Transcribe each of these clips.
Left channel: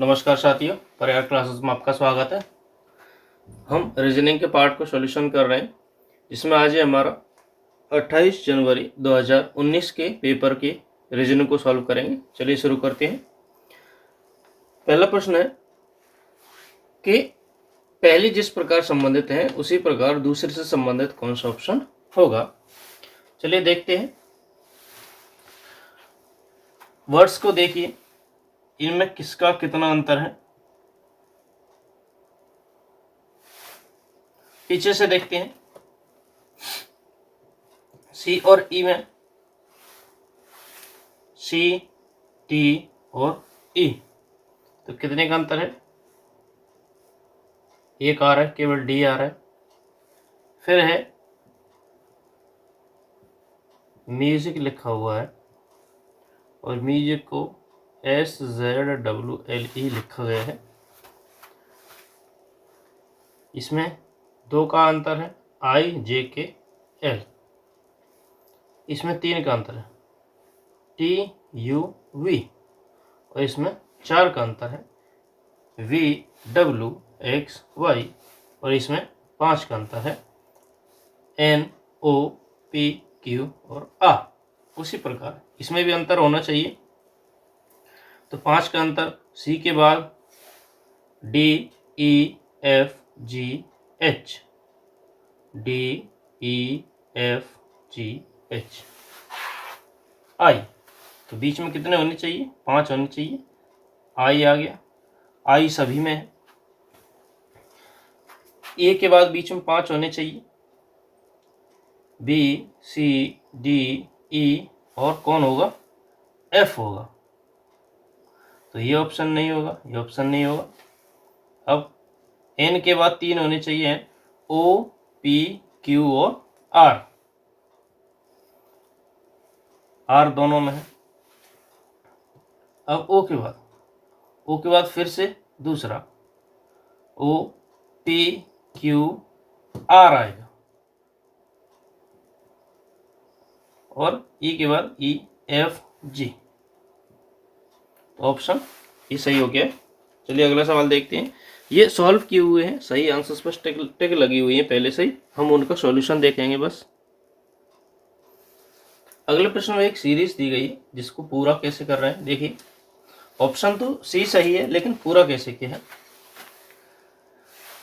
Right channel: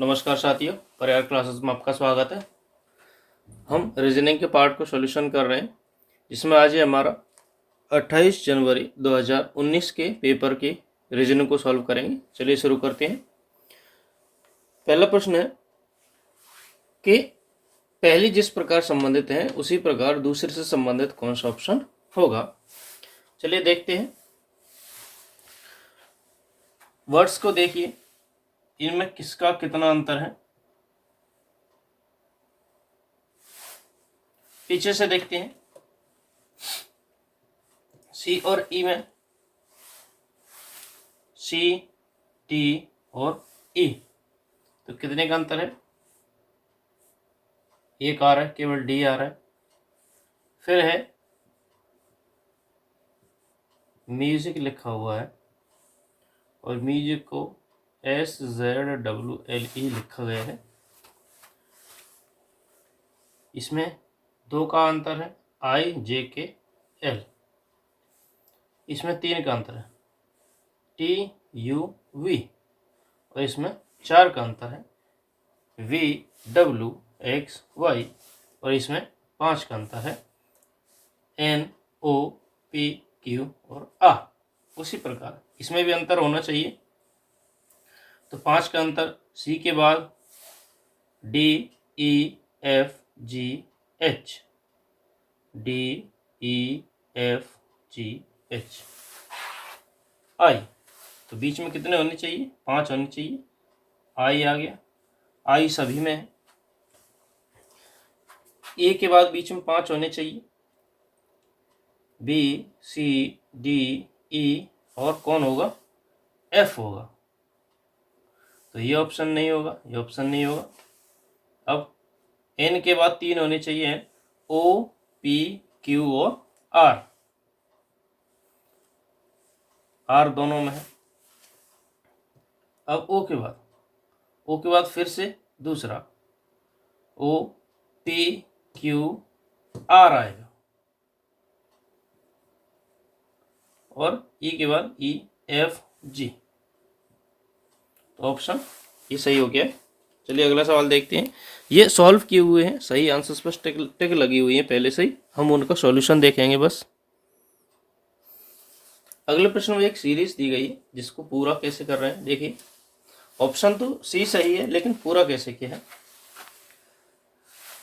नमस्कार साथियों, प्रयाग क्लासेस में आपका स्वागत है। हम रीजनिंग के पार्ट को सॉल्यूशन कर रहे हैं, जिसमें आज है हमारा 28 जनवरी 2019 के पेपर के रीजनिंग को सॉल्व करेंगे। चलिए शुरू करते हैं। पहला प्रश्न है कि पहली जिस प्रकार संबंधित है उसी प्रकार दूसरे से संबंधित कौन सा ऑप्शन होगा। चलिए देखते हैं। वर्ड्स को देखिए, इनमें किसका कितना अंतर है। पीछे से देखते हैं। सी और ई में सी, टी और ई, तो कितने का अंतर है? एक आ रहा है, केवल डी आ रहा है। फिर है म्यूजिक लिखा हुआ है और म्यूजिक को SZWLE लिखा गया है। इसमें दो का अंतर है, IJKL। इसमें तीन का अंतर है, TUV। और इसमें चार का अंतर है, VWXY। और इसमें पांच का अंतर है, NOPQ और R। उसी प्रकार इसमें भी अंतर होना चाहिए। तो पांच का अंतर, सी के बाद DEFGH, DEFGH, I। तो बीच में कितने होने चाहिए? पांच होने चाहिए। I आ गया, I सभी में है। ए के बाद बीच में पांच होने चाहिए, B, C, D, E और कौन होगा? F होगा। तो ये ऑप्शन नहीं होगा, ये ऑप्शन नहीं होगा। अब N के बाद तीन होने चाहिए, O, P, Q और R। R दोनों में है। अब O के बाद फिर से दूसरा O, P, Q, R आएगा। और E के बाद E, F, G। तो ऑप्शन ये सही हो गया। चलिए अगला सवाल देखते हैं। ये सॉल्व किए हुए हैं, सही आंसर्स पर टिक लगी हुई है पहले से ही। हम उनका सॉल्यूशन देखेंगे बस। अगले प्रश्न में एक सीरीज दी गई है, जिसको पूरा कैसे कर रहे हैं देखिए। ऑप्शन तो सी सही है, लेकिन पूरा कैसे किया है।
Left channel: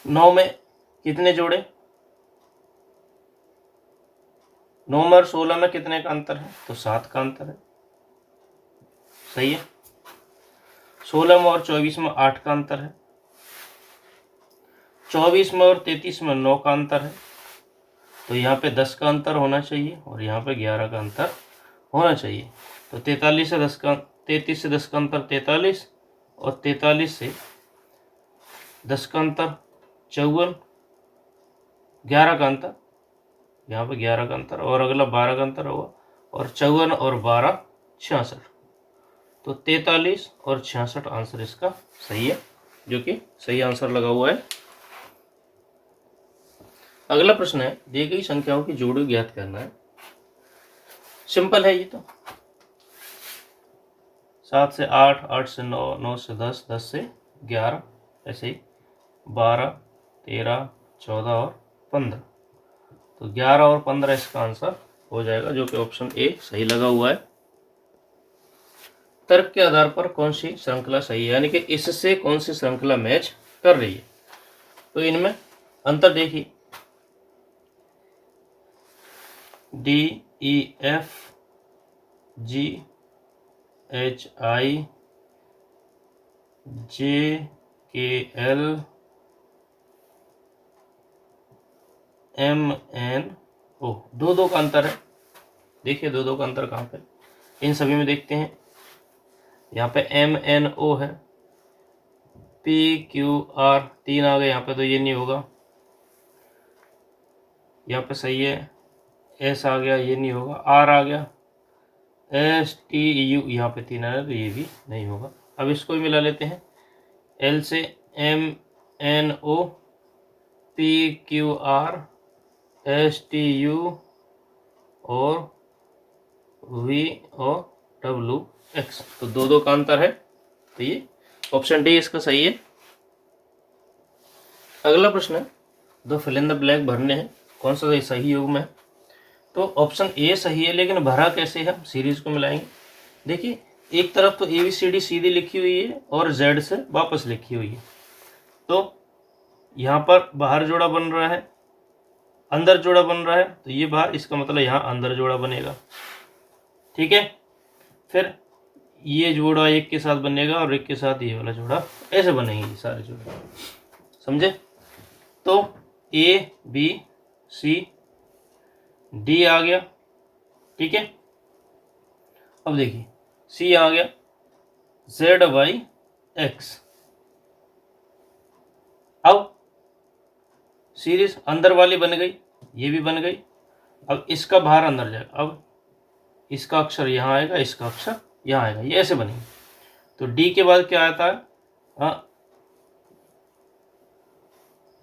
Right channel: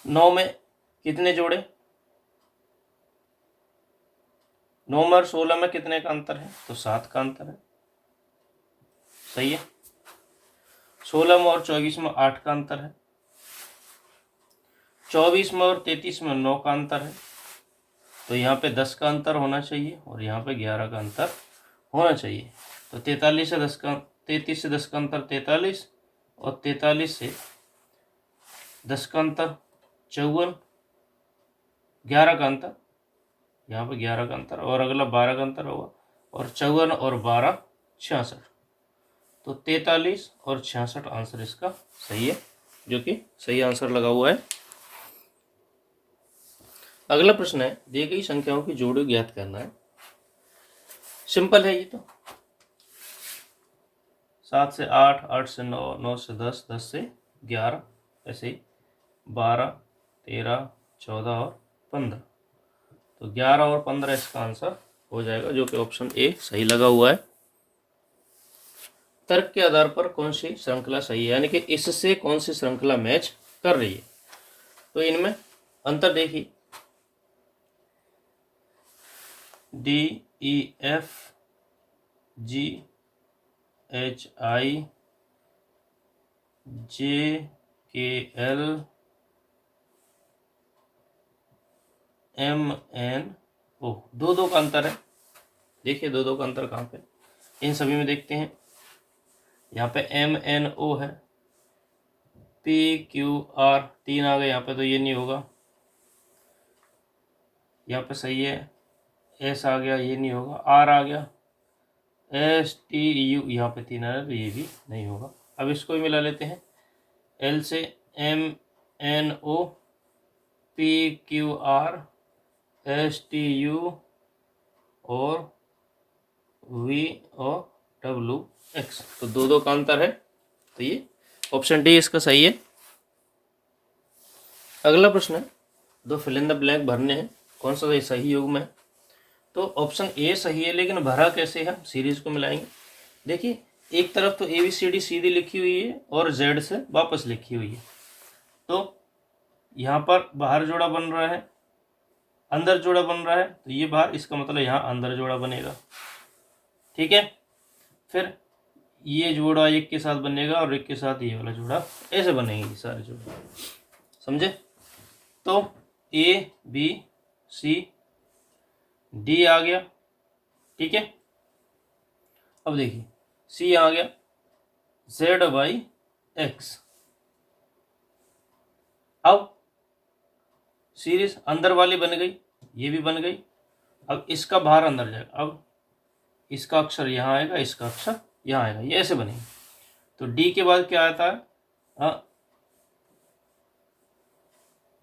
9 में कितने जोड़े? 9 में और 16 में कितने का अंतर है? तो 7 का अंतर है, सही है। 16 में और 24 में 8 का अंतर है। 24 में और 33 में 9 का अंतर है। तो यहाँ पे 10 का अंतर होना चाहिए और यहाँ पे 11 का अंतर होना चाहिए। तो 33 से 10 का अंतर 43, और 43 से 10 का अंतर 54, 11 का अंतर, यहाँ पे 11 का अंतर, और अगला 12 का अंतर होगा। और 54 और 12 66। तो 43 और 66 आंसर इसका सही है, जो कि सही आंसर लगा हुआ है। अगला प्रश्न है, दी गई संख्याओं की जोड़ी ज्ञात करना है। सिंपल है ये तो। 7 से 8, 8 से 9, 9 से 10, 10 से 11, ऐसे ही 12, 13, 14 और 15। तो 11 और 15 इसका आंसर हो जाएगा, जो कि ऑप्शन ए सही लगा हुआ है। तर्क के आधार पर कौन सी श्रृंखला सही है, यानी कि इससे कौन सी श्रृंखला मैच कर रही है। तो इनमें अंतर देखिए, DEFGHIJKLMNO, दो का अंतर है। देखिए दो का अंतर कहाँ पे? इन सभी में देखते हैं। यहाँ पे MNO है, PQR 3 आ गए यहाँ पे, तो ये नहीं होगा। यहाँ पे सही है, S आ गया, ये नहीं होगा। R आ गया, STU यहाँ पे 3 आ रहा है, तो ये भी नहीं होगा। अब इसको भी मिला लेते हैं। L से MNO, PQR, STU और V और WX, तो दो का अंतर है, तो ये ऑप्शन डी इसका सही है। अगला प्रश्न है, दो फिल इन द ब्लैंक भरने हैं, कौन सा सही योग में है। तो ऑप्शन ए सही है, लेकिन भरा कैसे है, सीरीज को मिलाएंगे। देखिए एक तरफ तो ए बी सी डी सीधी लिखी हुई है और जेड से वापस लिखी हुई है, तो यहाँ पर बाहर जोड़ा बन रहा है, अंदर जोड़ा बन रहा है, तो ये बाहर, इसका मतलब यहाँ अंदर जोड़ा बनेगा। ठीक है, फिर ये जोड़ा एक के साथ बनेगा और एक के साथ ये वाला जोड़ा, ऐसे बनेंगे सारे जोड़े, समझे। तो ए बी सी डी आ गया, ठीक है। अब देखिए सी आ गया, जेड वाई एक्स। अब सीरीज अंदर वाली बन गई, ये भी बन गई। अब इसका बाहर अंदर जाएगा, अब इसका अक्षर यहाँ आएगा, इसका अक्षर यहाँ आएगा, ये ऐसे बनेगी। तो डी के बाद क्या आता है,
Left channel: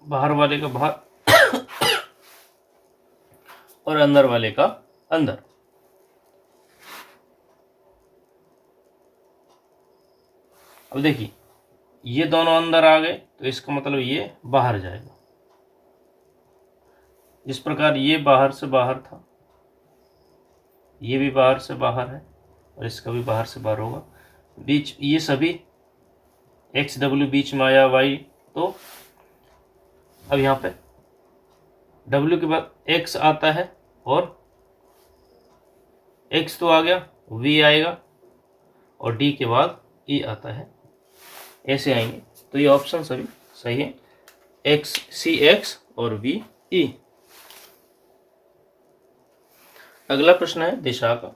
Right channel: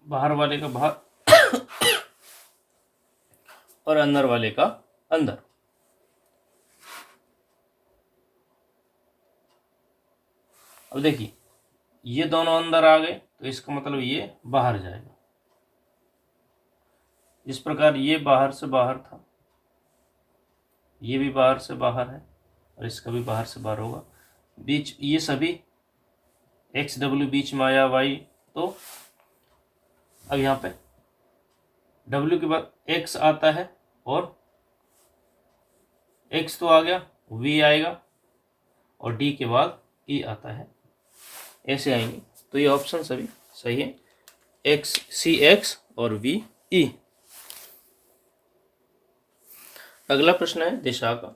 बाहर वाले का बाहर और अंदर वाले का अंदर। अब देखिए ये दोनों अंदर आ गए, तो इसका मतलब ये बाहर जाएगा। जिस प्रकार ये बाहर से बाहर था, ये भी बाहर से बाहर है और इसका भी बाहर से बाहर होगा। बीच ये सभी एक्स डब्ल्यू बीच में आया वाई, तो अब यहाँ पे डब्ल्यू के बाद एक्स आता है और एक्स तो आ गया, वी आएगा और डी के बाद ई आता है, ऐसे आएंगे। तो ये ऑप्शन सभी सही है, एक्स सी एक्स और वी ई। अगला प्रश्न है दिशा का।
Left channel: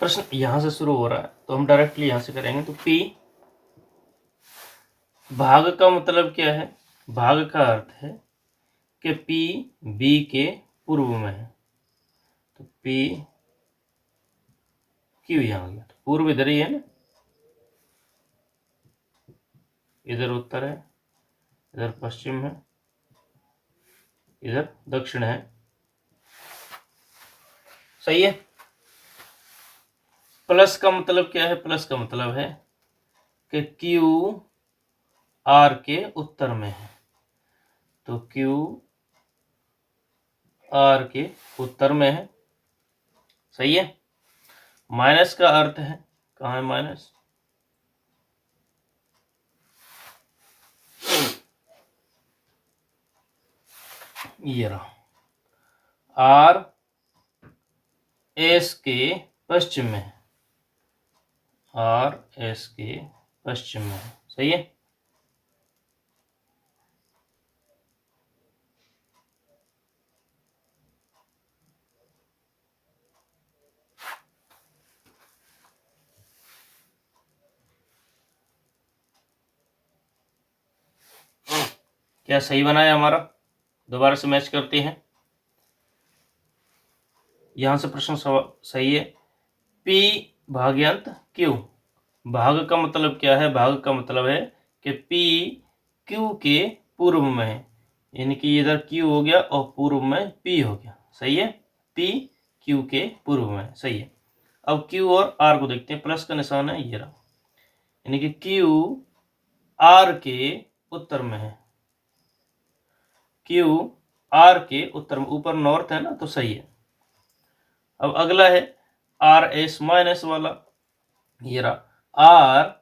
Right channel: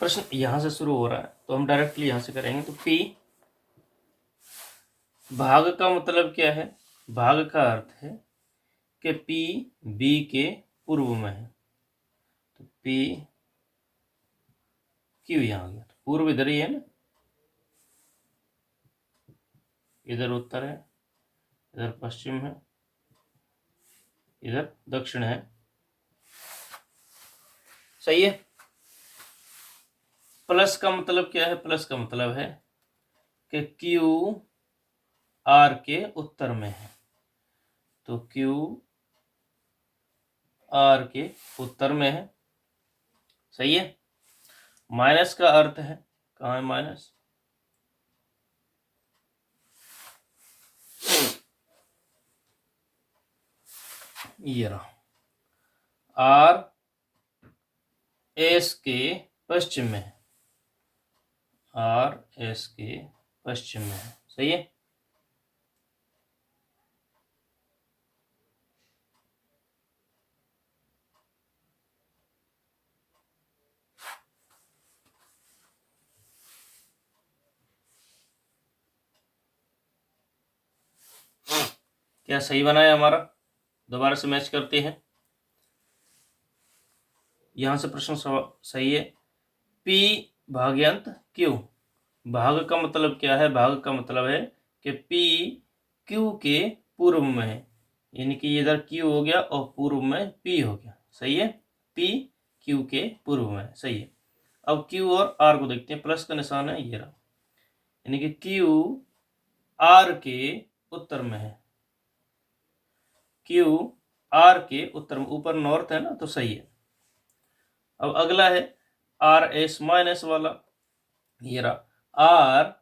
प्रश्न यहां से शुरू हो रहा है, तो हम डायरेक्टली यहां से करेंगे। तो पी भाग का मतलब क्या है, भाग का अर्थ है कि पी बी के पूर्व में है, तो पी क्यों यहाँ आ गया, तो पूर्व इधर ही है ना, इधर उत्तर है, इधर पश्चिम है, इधर दक्षिण है, सही है। प्लस का मतलब क्या है, प्लस का मतलब है कि क्यू आर के उत्तर में है, तो क्यू आर के उत्तर में है, सही है। माइनस का अर्थ है, कहाँ है माइनस, ये रहा, आर एस के पश्चिम में है, आर एस के पश्चिम में है, सही है। क्या सही बना है हमारा, दोबारा से मैच करते हैं। यहां से प्रश्न सही है, पी भाग्यांत क्यू। भाग का मतलब क्या है, भाग का मतलब है कि पी क्यू के पूर्व में है, यानी कि इधर क्यू हो गया और पूर्व में पी हो गया, सही है। पी क्यू के पूर्व में है, सही है। अब क्यू और आर को देखते हैं, प्लस का निशान है, ये रहा, यानी कि क्यू आर के उत्तर में है, क्यू आर के उत्तर में, ऊपर नॉर्थ है ना, तो सही है। अब अगला है आर एस माइनस वाला, ये रहा, आर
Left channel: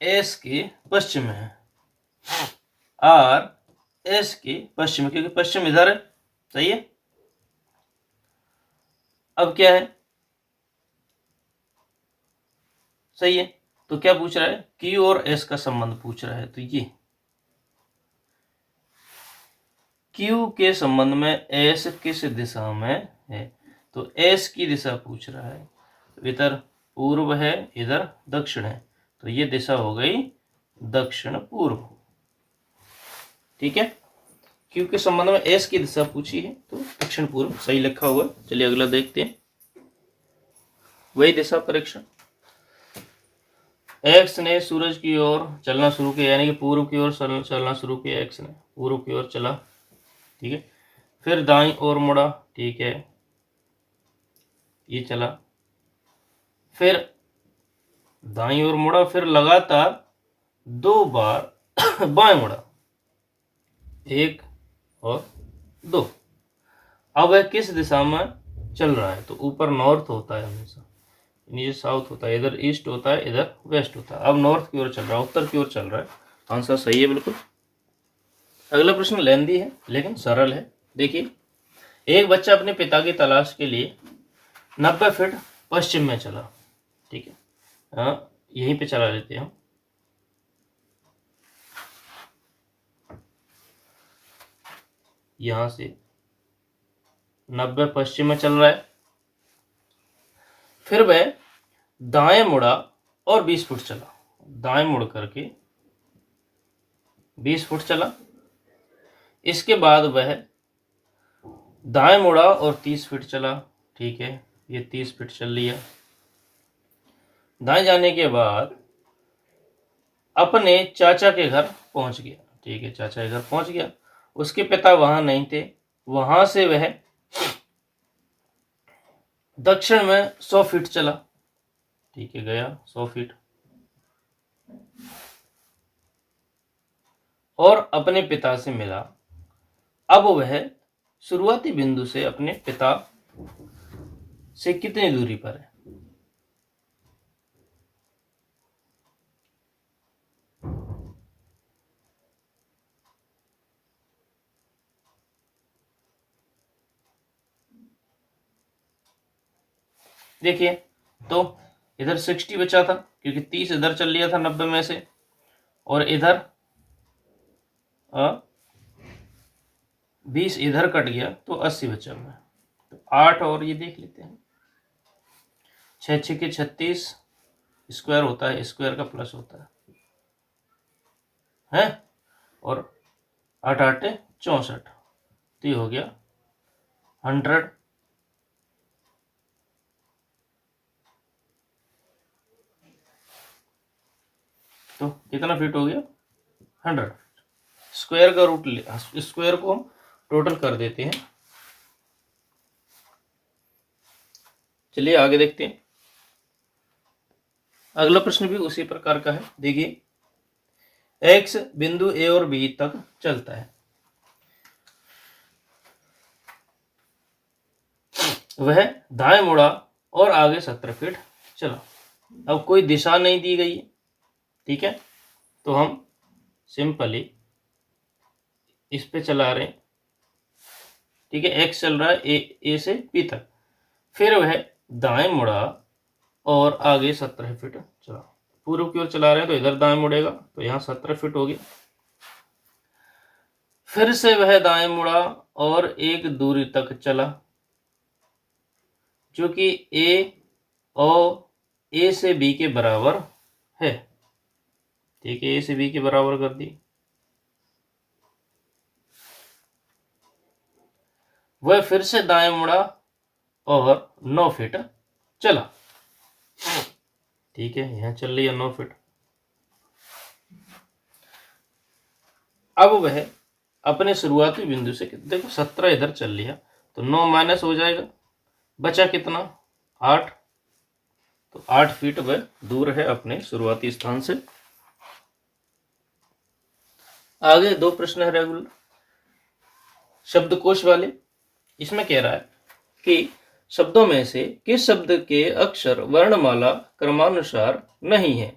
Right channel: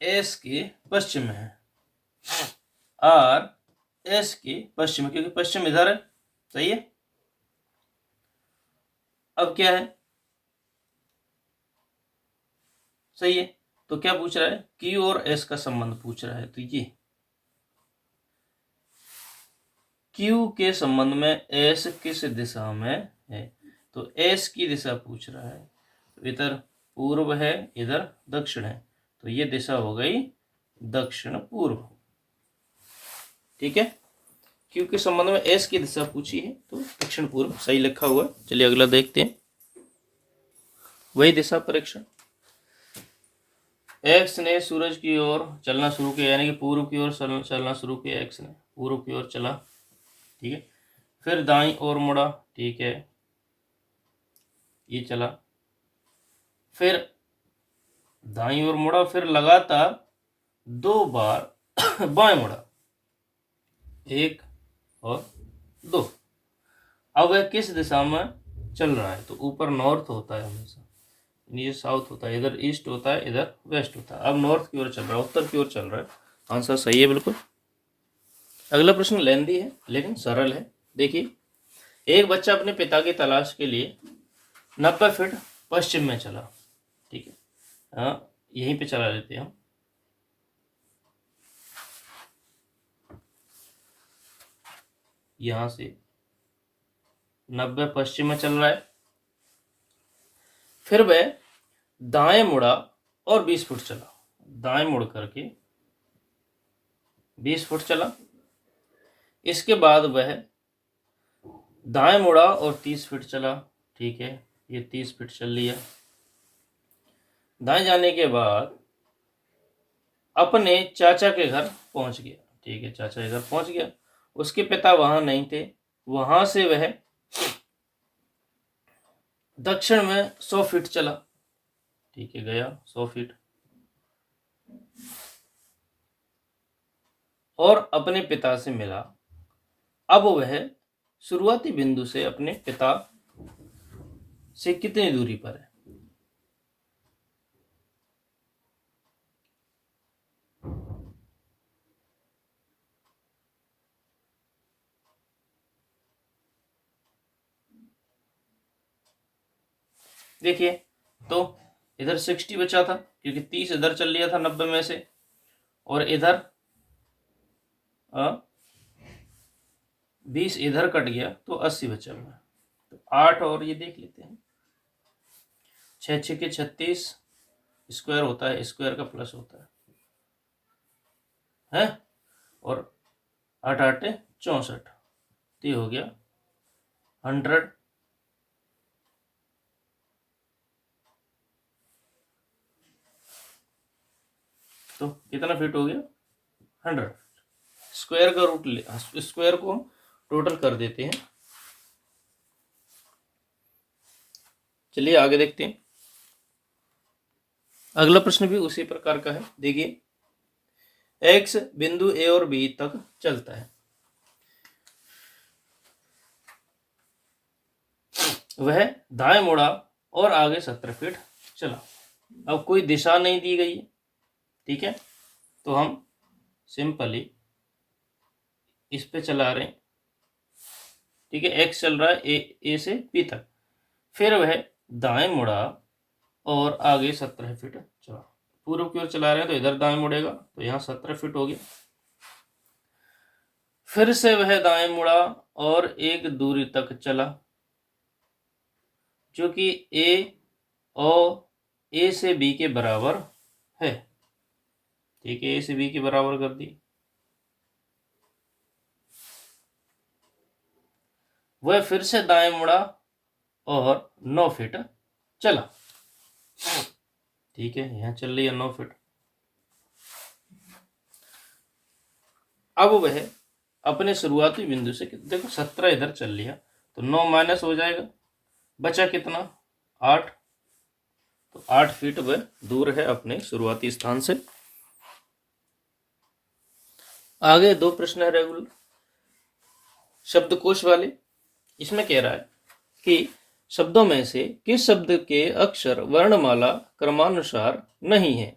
एस के पश्चिम में है, आर एस के पश्चिम, क्योंकि पश्चिम इधर है, सही है। अब क्या है, सही है, तो क्या पूछ रहा है, क्यू और एस का संबंध पूछ रहा है, तो ये क्यू के संबंध में एस किस दिशा में है, तो एस की दिशा पूछ रहा है, इधर पूर्व है, इधर दक्षिण है, तो ये दिशा हो गई दक्षिण पूर्व, ठीक है। क्यू के संबंध में एस की दिशा पूछी है, तो दक्षिण पूर्व सही लिखा हुआ। चलिए अगला देखते हैं, वही दिशा परीक्षण। एक्स ने सूरज की ओर चलना शुरू किया, यानी कि पूर्व की ओर चलना शुरू किया, एक्स ने पूर्व की ओर चला, ठीक है। फिर दाईं ओर मुड़ा, ठीक है, ये चला। फिर दाईं ओर मुड़ा, फिर लगातार 2 बार बाएं मुड़ा, 1 और 2। अब वह किस दिशा में चल रहा है? तो ऊपर नॉर्थ होता है हमेशा, नीचे साउथ होता है, इधर ईस्ट होता है, इधर वेस्ट होता है। अब नॉर्थ की ओर चल रहा है, उत्तर की ओर चल रहा है। आंसर सही है बिल्कुल। अगला प्रश्न लेंदी है लेकिन सरल है। देखिए, एक बच्चा अपने पिता की तलाश के लिए 90 फीट पश्चिम में चला। ठीक है, हाँ, यहीं पे चला लेते हैं हम। यहां से 90 पश्चिम में चल रहा है, फिर वह दाएं मुड़ा और 20 फुट चला। दाएं मुड़ करके 20 फुट चला। इसके बाद वह दाएं मुड़ा और 30 फीट चला। ठीक है, ये 30 फीट चल लिया। दाएं जाने के बाद अपने चाचा के घर पहुंच गया। ठीक है, चाचा के घर पहुंच गया। उसके पिता वहां नहीं थे। वहां से वह दक्षिण में 100 फीट चला। ठीक है, गया 100 फीट और अपने पिता से मिला। अब वह शुरुआती बिंदु से अपने पिता से कितनी दूरी पर है? देखिए, तो इधर 60 बचा था क्योंकि 30 इधर चल लिया था 90 में से, और इधर 20 इधर कट गया तो 80 बचा हुआ है। तो 8 और ये देख लेते हैं। 6 6 के 36 स्क्वायर होता है, स्क्वायर का प्लस होता है, और 8 8 64, तो ये हो गया 100। तो कितना फीट हो गया? 100। स्क्वायर का रूट ले, स्क्वायर को हम टोटल कर देते हैं। चलिए आगे देखते हैं। अगला प्रश्न भी उसी प्रकार का है। देखिए, एक्स बिंदु ए और बी तक चलता है। वह दाएं मुड़ा और आगे 17 फीट चला। अब कोई दिशा नहीं दी गई है। ठीक है, तो हम सिंपली इस पे चला रहे हैं। ठीक है, एक्स चल रहा है ए से बी तक, फिर वह दाएं मुड़ा और आगे 17 फीट चला। पूर्व की ओर चला रहे हैं तो इधर दाएं मुड़ेगा, तो यहाँ 17 फीट हो गया। फिर से वह दाएं मुड़ा और एक दूरी तक चला जो कि ए से बी के बराबर है। ठीक है, ए से बी के बराबर कर दी। वह फिर से दाएं मुड़ा और 9 फीट चला। ठीक है, यहां चल रही है 9 फीट। अब वह अपने शुरुआती बिंदु से, देखो 17 इधर चल लिया तो 9 माइनस हो जाएगा, बचा कितना? 8। तो 8 फीट वह दूर है अपने शुरुआती स्थान से। आगे 2 प्रश्न है रेगुलर शब्दकोश वाले। इसमें कह रहा है कि शब्दों में से किस शब्द के अक्षर वर्णमाला क्रमानुसार नहीं है,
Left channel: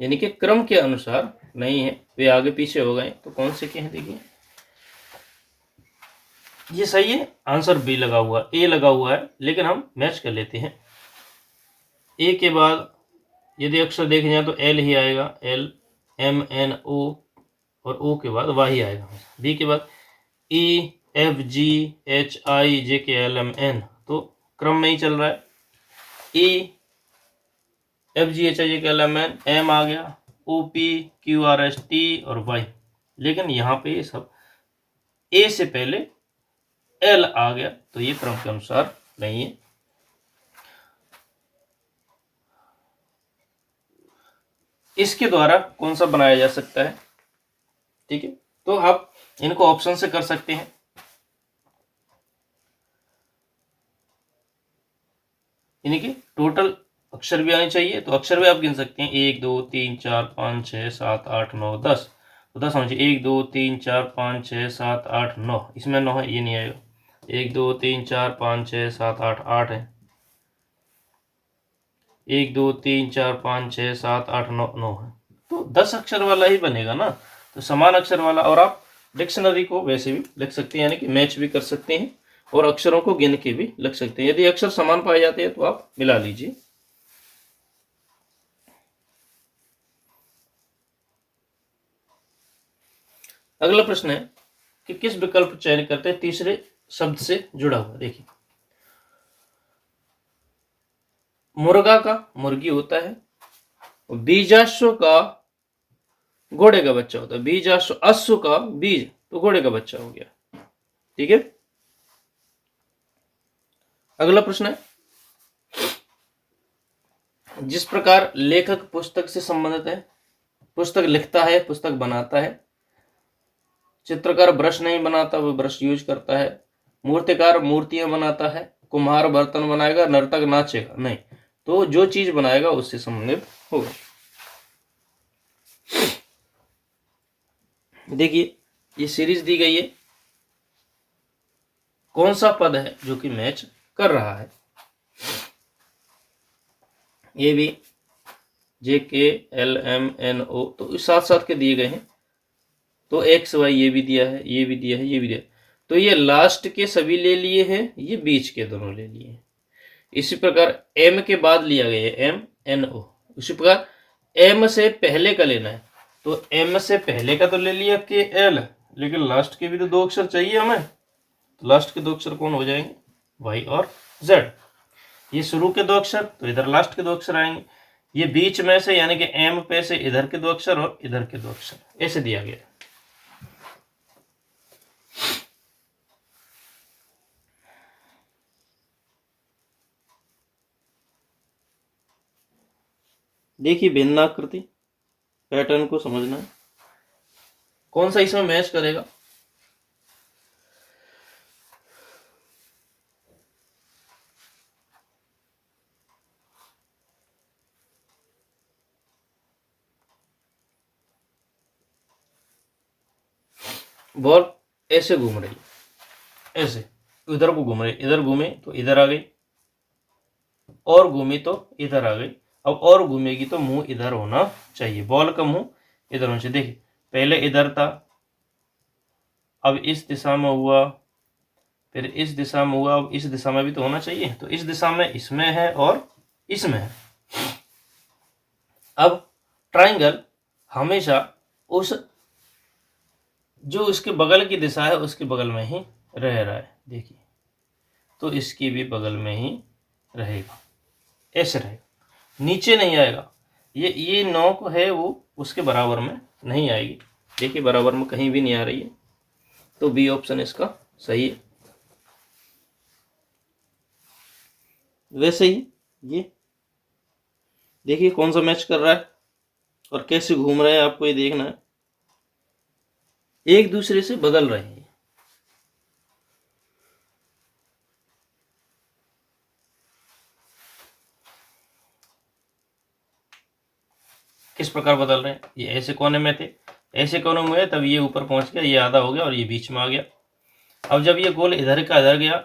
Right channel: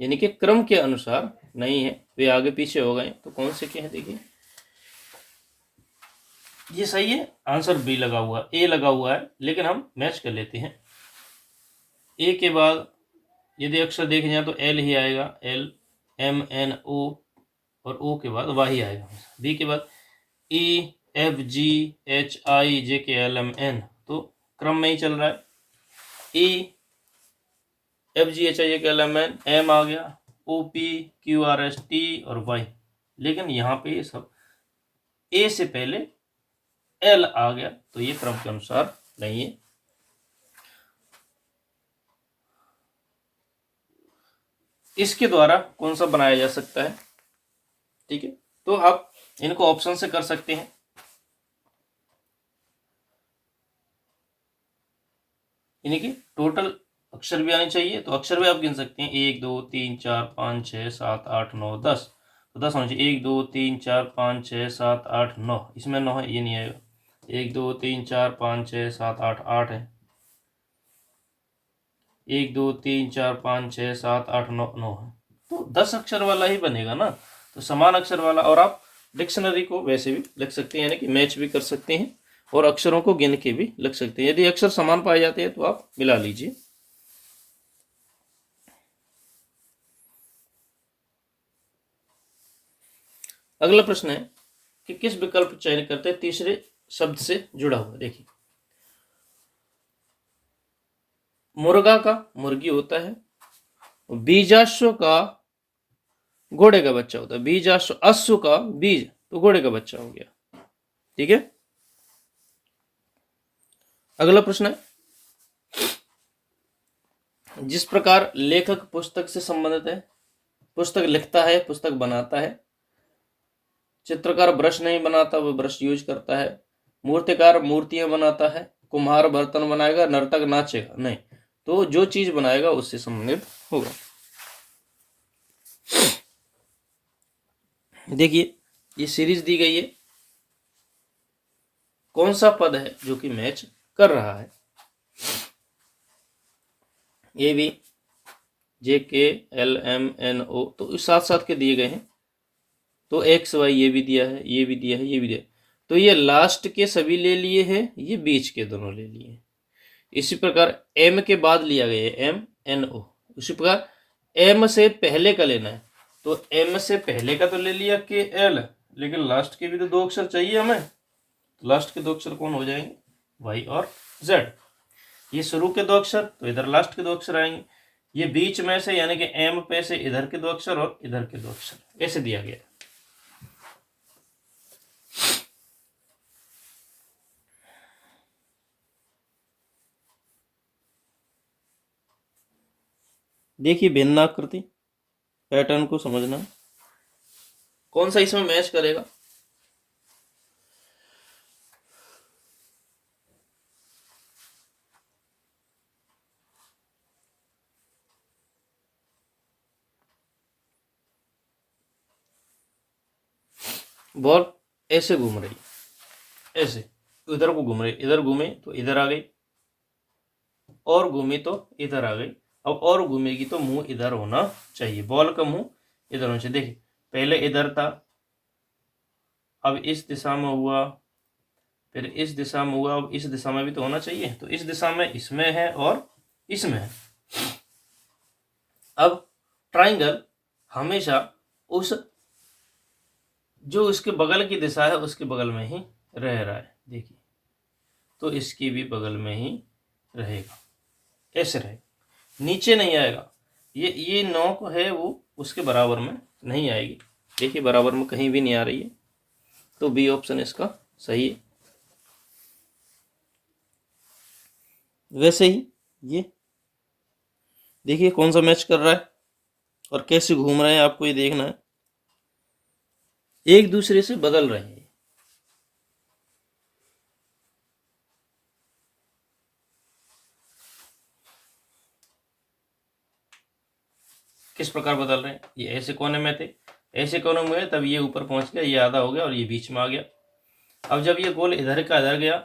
यानी कि क्रम के अनुसार नहीं है, वे आगे पीछे हो गए। तो कौन से के हैं? देखिए, ये सही है, आंसर बी लगा हुआ, ए लगा हुआ है, लेकिन हम मैच कर लेते हैं। ए के बाद यदि अक्षर देखे जाए तो एल ही आएगा, एल एम एन ओ, और ओ के बाद वाई आएगा। बी के बाद E F G H I J K L M N, तो क्रम में ही चल रहा है। E F G H I J K L M N, M आ गया, O P Q R S T और वाई, लेकिन यहाँ पे ये सब ए से पहले एल आ गया, तो ये क्रम के अनुसार नहीं है। इसके द्वारा कौन सा बनाया जा सकता है? ठीक है, तो आप इनको ऑप्शन से कर सकते हैं। यानी कि टोटल अक्षर भी आनी चाहिए, तो अक्षर भी आप गिन सकते हैं 1 2 3 4 5 6 7 8 9 10, तो 10 होना चाहिए 1 2 3 4 5 6 7 8 9, इसमें 9 है, ये नहीं आएगा। 1 2 3 4 5 6 7 8 8 है, 1 2 3 4 5 6 7 8 9 9 है, तो 10 अक्षर वाला ही बनेगा ना, तो समान अक्षर वाला। और आप डिक्शनरी को वैसे भी लिख सकते हैं, यानी कि मैच भी कर सकते हैं और अक्षरों को गिन के भी लिख सकते हैं। यदि अक्षर समान पाए जाते हैं तो आप मिला लीजिए। अगला प्रश्न है कि किस विकल्प चयन करते हैं तीसरे शब्द से जुड़ा हुआ। देखिए, मुर्गा का मुर्गी होता है, बीजाश्व का घोड़े का बच्चा होता है, बीजाश्व अश्व का बीज, तो घोड़े का बच्चा हो गया। ठीक है, अगला प्रश्न है, जिस प्रकार लेखक पुस्तक से संबंधित है, पुस्तक लिखता है, पुस्तक बनाता है, चित्रकार ब्रश नहीं बनाता, वो ब्रश यूज करता है, मूर्तिकार मूर्तियां बनाता है, कुम्हार बर्तन बनाएगा, नर्तक नाचेगा नहीं, तो जो चीज बनाएगा उससे संबंधित होगा। देखिए, ये सीरीज दी गई है, कौन सा पद है जो कि मैच कर रहा है। ये भी JKLMNO, तो इस साथ साथ के दिए गए हैं, तो XY ये भी दिया है, ये भी दिया है, ये भी दिया है, तो ये लास्ट के सभी ले लिए हैं, ये बीच के दोनों ले लिए हैं। इसी प्रकार M के बाद लिया गया है MNO, उसी प्रकार M से पहले का लेना है, तो M से पहले का तो ले लिया KL, लेकिन लास्ट के भी तो 2 अक्षर चाहिए हमें, तो लास्ट के 2 अक्षर कौन हो जाएंगे, Y और Z। ये शुरू के 2 अक्षर, तो इधर लास्ट के 2 अक्षर आएंगे। ये बीच में से यानी कि M पे से इधर के 2 अक्षर और इधर के 2 अक्षर, ऐसे दिया गया है। देखिए, भिन्नाकृति पैटर्न को समझना है, कौन सा इसमें मैच करेगा। बॉल ऐसे घूम रही है, ऐसे इधर को घूम रही, इधर घूमे तो इधर आ गई, और घूमी तो इधर आ गई। अब और घूमेगी तो मुंह इधर होना चाहिए, बॉल का मुंह इधर होना चाहिए। देखिए, पहले इधर था, अब इस दिशा में हुआ, फिर इस दिशा में हुआ, अब इस दिशा में भी तो होना चाहिए, तो इस दिशा में इसमें है और इसमें है। अब ट्राइंगल हमेशा उस जो इसके बगल की दिशा है उसके बगल में ही रह रहा है, देखिए, तो इसकी भी बगल में ही रहेगा, ऐसे रहेगा, नीचे नहीं आएगा। ये नोक है वो उसके बराबर में नहीं आएगी, देखिए बराबर में कहीं भी नहीं आ रही है, तो बी ऑप्शन इसका सही है। वैसे ही ये देखिए कौन सा मैच कर रहा है और कैसे घूम रहे हैं, आपको ये देखना है, एक दूसरे से बदल रहे हैं। किस प्रकार बदल रहे हैं, ये ऐसे कोने में थे, ऐसे कोने में हुए, तब ये ऊपर पहुंच गया, ये आधा हो गया और ये बीच में आ गया। अब जब ये गोल इधर का इधर गया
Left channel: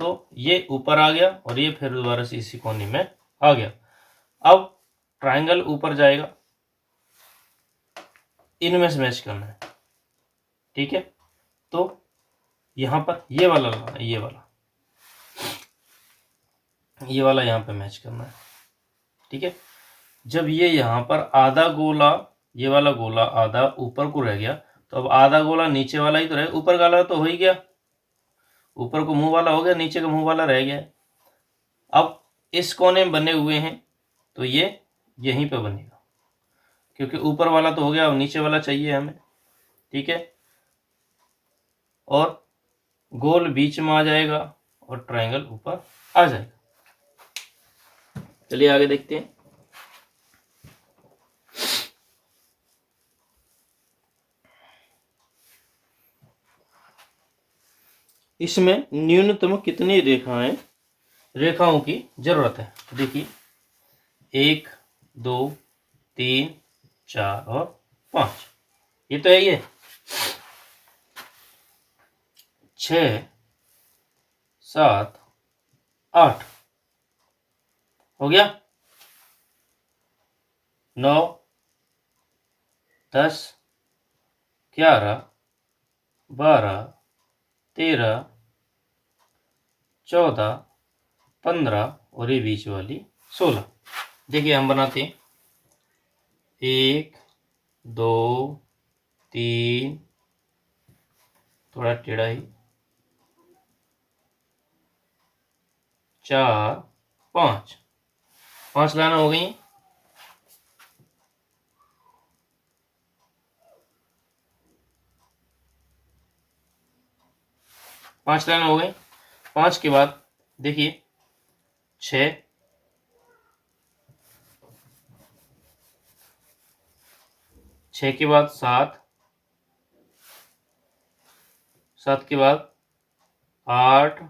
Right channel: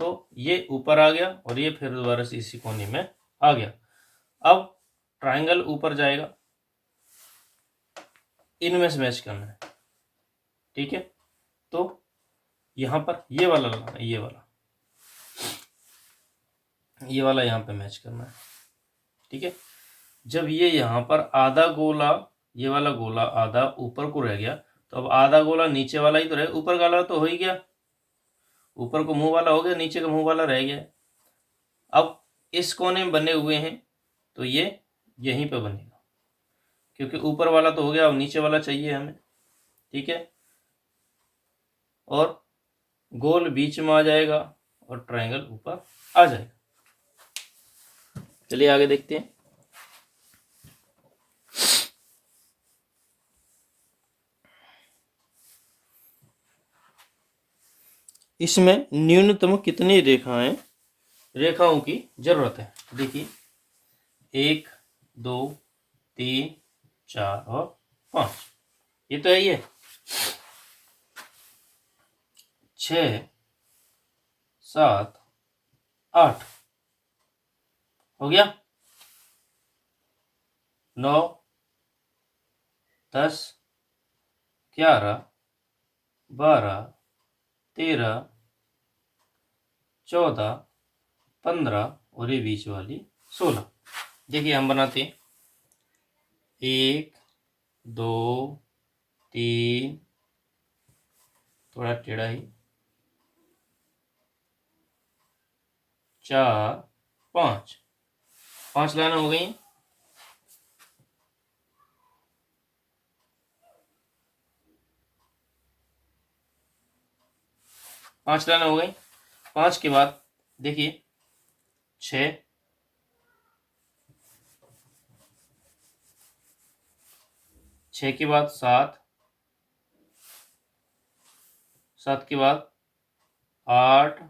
तो ये ऊपर आ गया और ये फिर दोबारा से इसी कोने में आ गया। अब ट्रायंगल ऊपर जाएगा, इनमें से मैच करना है, ठीक है। तो यहां पर ये वाला लगाना, ये वाला यहां पे मैच करना है, ठीक है। जब ये यहां पर आधा गोला, ये वाला गोला आधा ऊपर को रह गया, तो अब आधा गोला नीचे वाला ही तो रहे, ऊपर वाला तो हो ही गया, ऊपर को मुंह वाला हो गया, नीचे का मुंह वाला रह गया। अब इस कोने में बने हुए हैं तो ये यहीं पे बनेगा, क्योंकि ऊपर वाला तो हो गया, अब नीचे वाला चाहिए हमें, ठीक है। और गोल बीच में आ जाएगा और ट्रायंगल ऊपर आ जाएगा। चलिए आगे देखते हैं। इसमें न्यूनतम कितनी रेखाओं की जरूरत है। देखिए, 1 2 3 4 और 5, ये तो है ये। 6 7 8 हो गया। 9 10 11 12 13 14 15 और ये बीच वाली 16। देखिए हम बनाते हैं 1 2 3, थोड़ा टेढ़ा ही, 4 5, 5 लाइन हो गई। पांच लाइन हो गई। 5 के बाद देखिए 6 6 के बाद 7 7 के बाद 8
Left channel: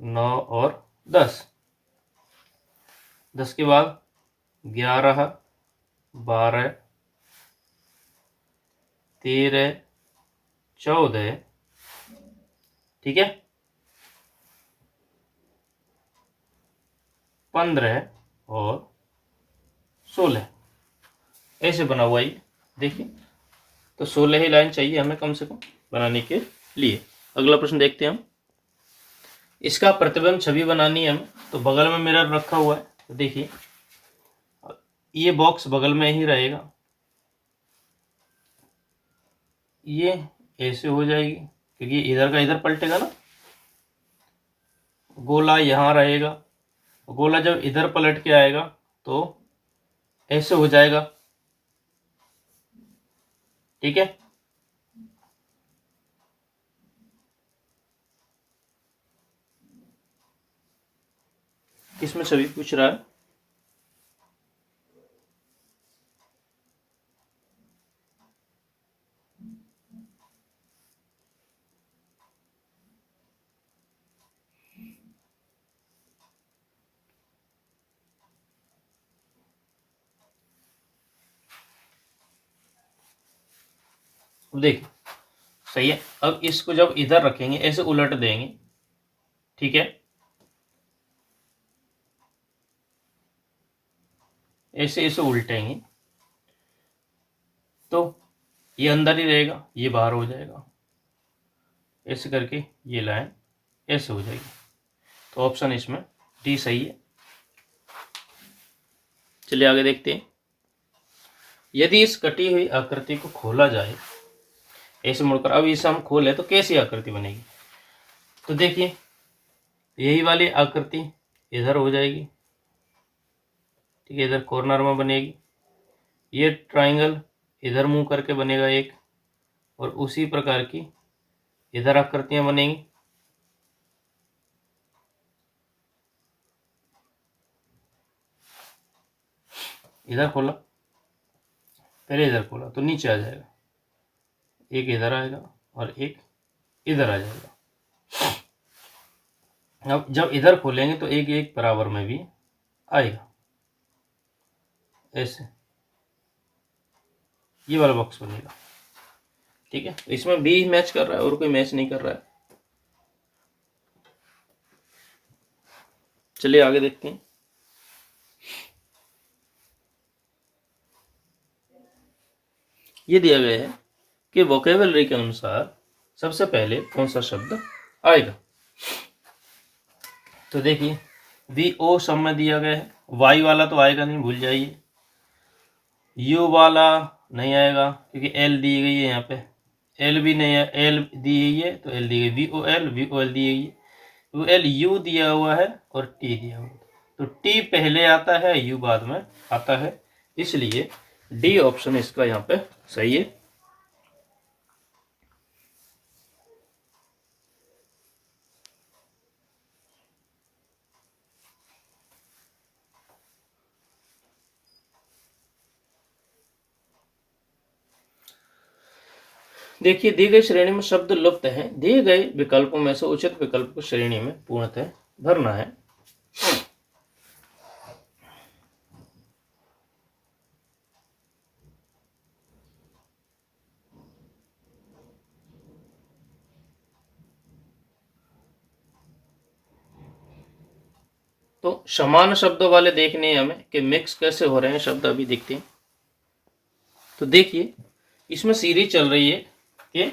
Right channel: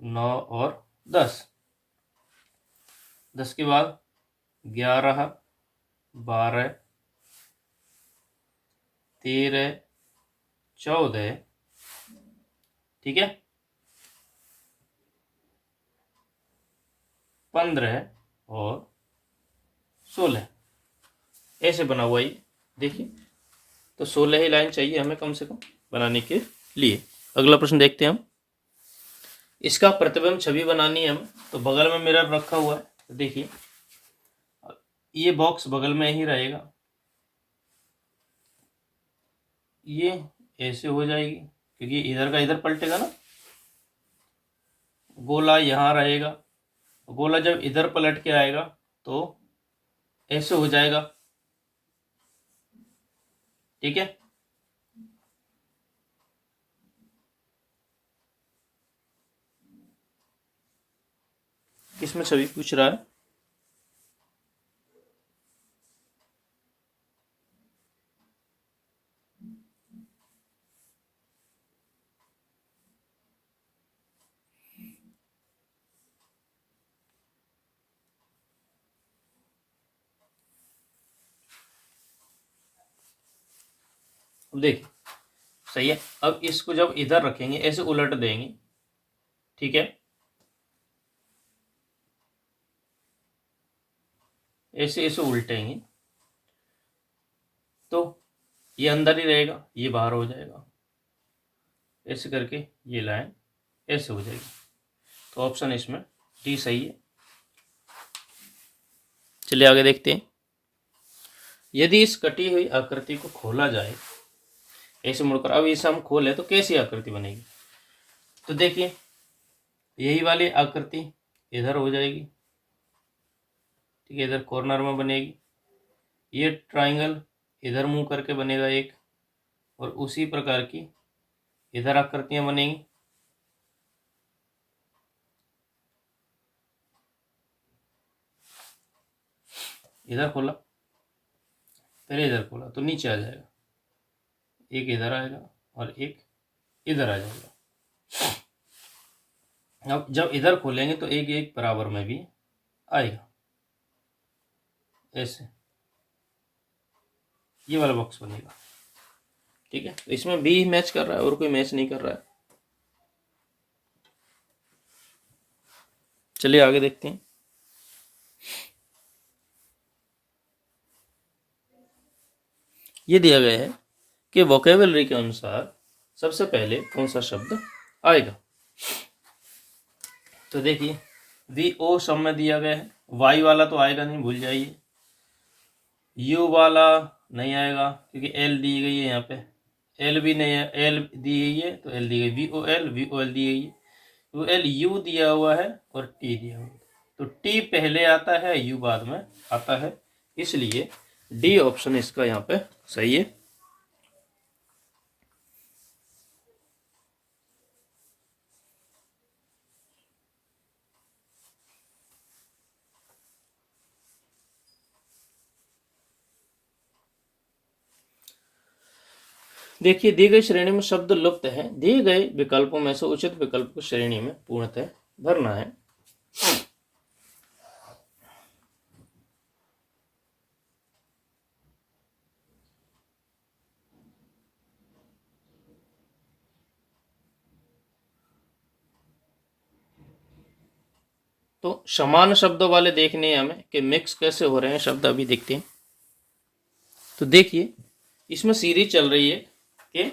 9 और 10 10 के बाद 11 12 13 14, ठीक है, 15 और 16, ऐसे बना हुआ ये। देखिए तो 16 ही लाइन चाहिए हमें कम से कम बनाने के लिए। अगला प्रश्न देखते हैं हम। इसका प्रतिबिंब छवि बनानी है हमें, तो बगल में मिरर रखा हुआ है। तो देखिए ये बॉक्स बगल में ही रहेगा, ये ऐसे हो जाएगी क्योंकि इधर का इधर पलटेगा ना। गोला यहाँ रहेगा, गोला जब इधर पलट के आएगा तो ऐसे हो जाएगा, ठीक है। इसमें छवि पूछ रहा है। देखिए सही है। अब इसको जब इधर रखेंगे ऐसे उलट देंगे, ठीक है, ऐसे ऐसे उल्टेंगे तो ये अंदर ही रहेगा, ये बाहर हो जाएगा। ऐसे करके ये लाइन ऐसे हो जाएगी। तो ऑप्शन इसमें डी सही है। चलिए आगे देखते हैं। यदि इस कटी हुई आकृति को खोला जाए ऐसे मुड़कर, अब इसे हम खोले तो कैसी आकृति बनेगी? तो देखिए यही वाली आकृति इधर हो जाएगी, ठीक है, इधर कॉर्नर में बनेगी। ये ट्राइंगल इधर मुंह करके बनेगा एक, और उसी प्रकार की इधर आकृतियां बनेंगी। इधर खोला, पहले इधर खोला तो नीचे आ जाएगा, एक इधर आएगा और एक इधर आ जाएगा। अब जब इधर खोलेंगे तो एक एक बराबर में भी आएगा, ऐसे ये वाला बॉक्स बनेगा, ठीक है। तो इसमें बी मैच कर रहा है और कोई मैच नहीं कर रहा है। चलिए आगे देखते हैं। ये दिया गया है कि वोकेबलरी के अनुसार सबसे पहले कौन सा शब्द आएगा। तो देखिए वी ओ सब में दिया गया है, वाई वाला तो आएगा नहीं, भूल जाइए। यू वाला नहीं आएगा क्योंकि एल दी गई है, यहाँ पे एल भी नहीं है, एल दी गई है तो एल दी गई, वी ओ एल दी गई है, तो एल यू दिया हुआ है और टी दिया हुआ है, तो टी पहले आता है यू बाद में आता है, इसलिए डी ऑप्शन इसका यहाँ पे सही है। देखिए दी गई श्रेणी में शब्द लुप्त है, दिए गए विकल्पों में से उचित विकल्प को श्रेणी में पूर्णतः भरना है। तो समान शब्दों वाले देखने हैं हमें कि मिक्स कैसे हो रहे हैं शब्द, अभी देखते हैं। तो देखिए इसमें सीरीज चल रही है कि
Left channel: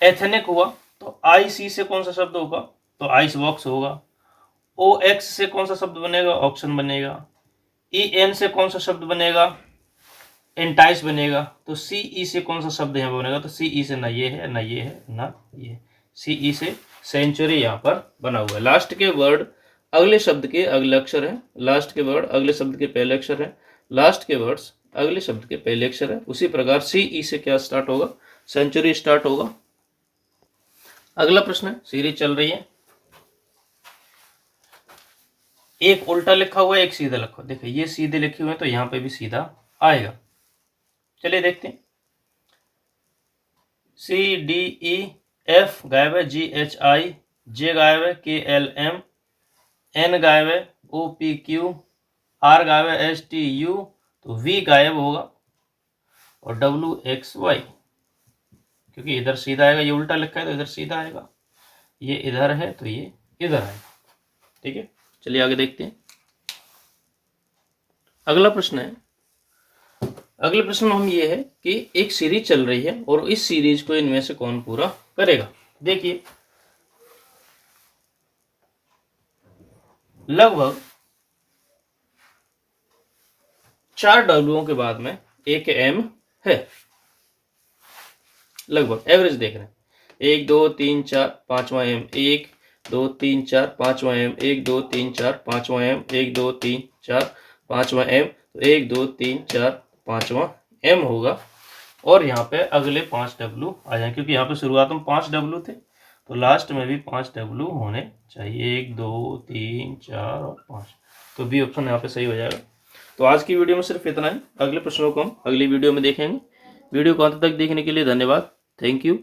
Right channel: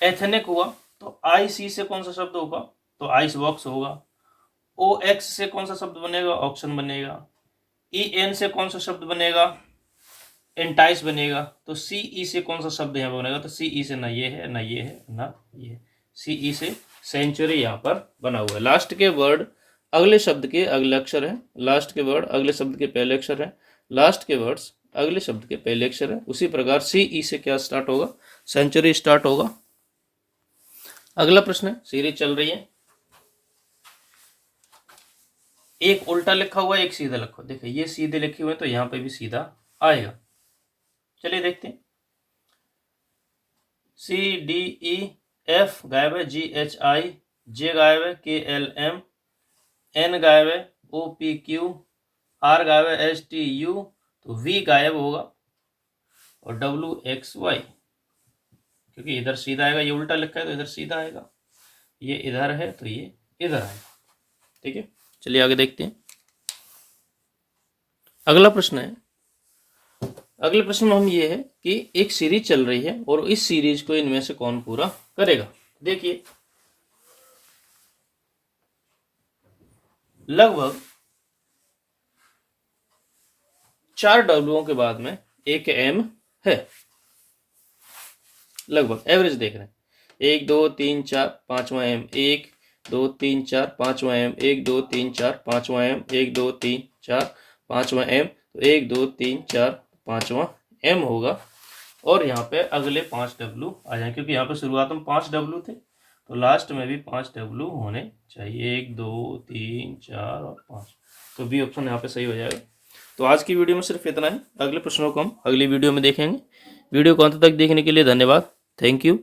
एथेनिक हुआ तो आई सी से कौन सा शब्द होगा, तो आइस बॉक्स होगा। ओ एक्स से कौन सा शब्द बनेगा, ऑक्शन बनेगा। ई एन से कौन सा शब्द बनेगा, एंटाइस बनेगा। तो सी ई से कौन सा शब्द यहाँ पर बनेगा, तो सी ई से ना ये है ना ये है ना ये, सी ई से सेंचुरी यहाँ पर बना हुआ है। लास्ट के वर्ड अगले शब्द के अगले अक्षर है, लास्ट के वर्ड अगले शब्द के पहले अक्षर है, लास्ट के वर्ड्स अगले शब्द के पहले अक्षर है। उसी प्रकार सी ई से क्या स्टार्ट होगा, सेंचुरी स्टार्ट होगा। अगला प्रश्न है, सीरीज चल रही है, एक उल्टा लिखा हुआ है एक सीधा लिखा हुआ। देखिए ये सीधे लिखे हुए हैं तो यहाँ पे भी सीधा आएगा। चलिए देखते हैं। सी डी ई एफ गायब है, जी एच आई, जे गायब है, के एल एम, एन गायब है, ओ पी क्यू, आर गायब है, एस टी यू, तो वी गायब होगा और डब्ल्यू एक्स वाई, क्योंकि इधर सीधा आएगा, ये उल्टा लिखा है तो इधर सीधा आएगा, ये इधर है तो ये इधर आएगा। ठीक है, चलिए आगे देखते हैं। अगला प्रश्न है, अगले प्रश्न में हम ये है कि एक सीरीज चल रही है और इस सीरीज को इनमें से कौन पूरा करेगा। देखिए लगभग 4 डब्ल्यूओं के बाद में एक एम है, लगभग एवरेज देख रहे हैं। 1 2 3 4 5वां एम, 1 2 3 4 5वां एम, 1 2 3 4 5वां एम, 1 2 3 4 5वां एम, तो 1 2 3 4 5वां एम होगा। और यहाँ पे अगले 5 डब्ल्यू आ जाए, क्योंकि यहाँ पे शुरुआत में 5 डब्ल्यू थे तो लास्ट में भी 5 डब्ल्यू होने चाहिए, 1 2 3 4 और 5, तो बी ऑप्शन यहाँ पे सही हो जाएगा। तो आज की वीडियो में सिर्फ इतना है, अगले प्रश्नों को हम अगली वीडियो में देखेंगे। वीडियो को अंत तक देखने के लिए धन्यवाद, थैंक यू।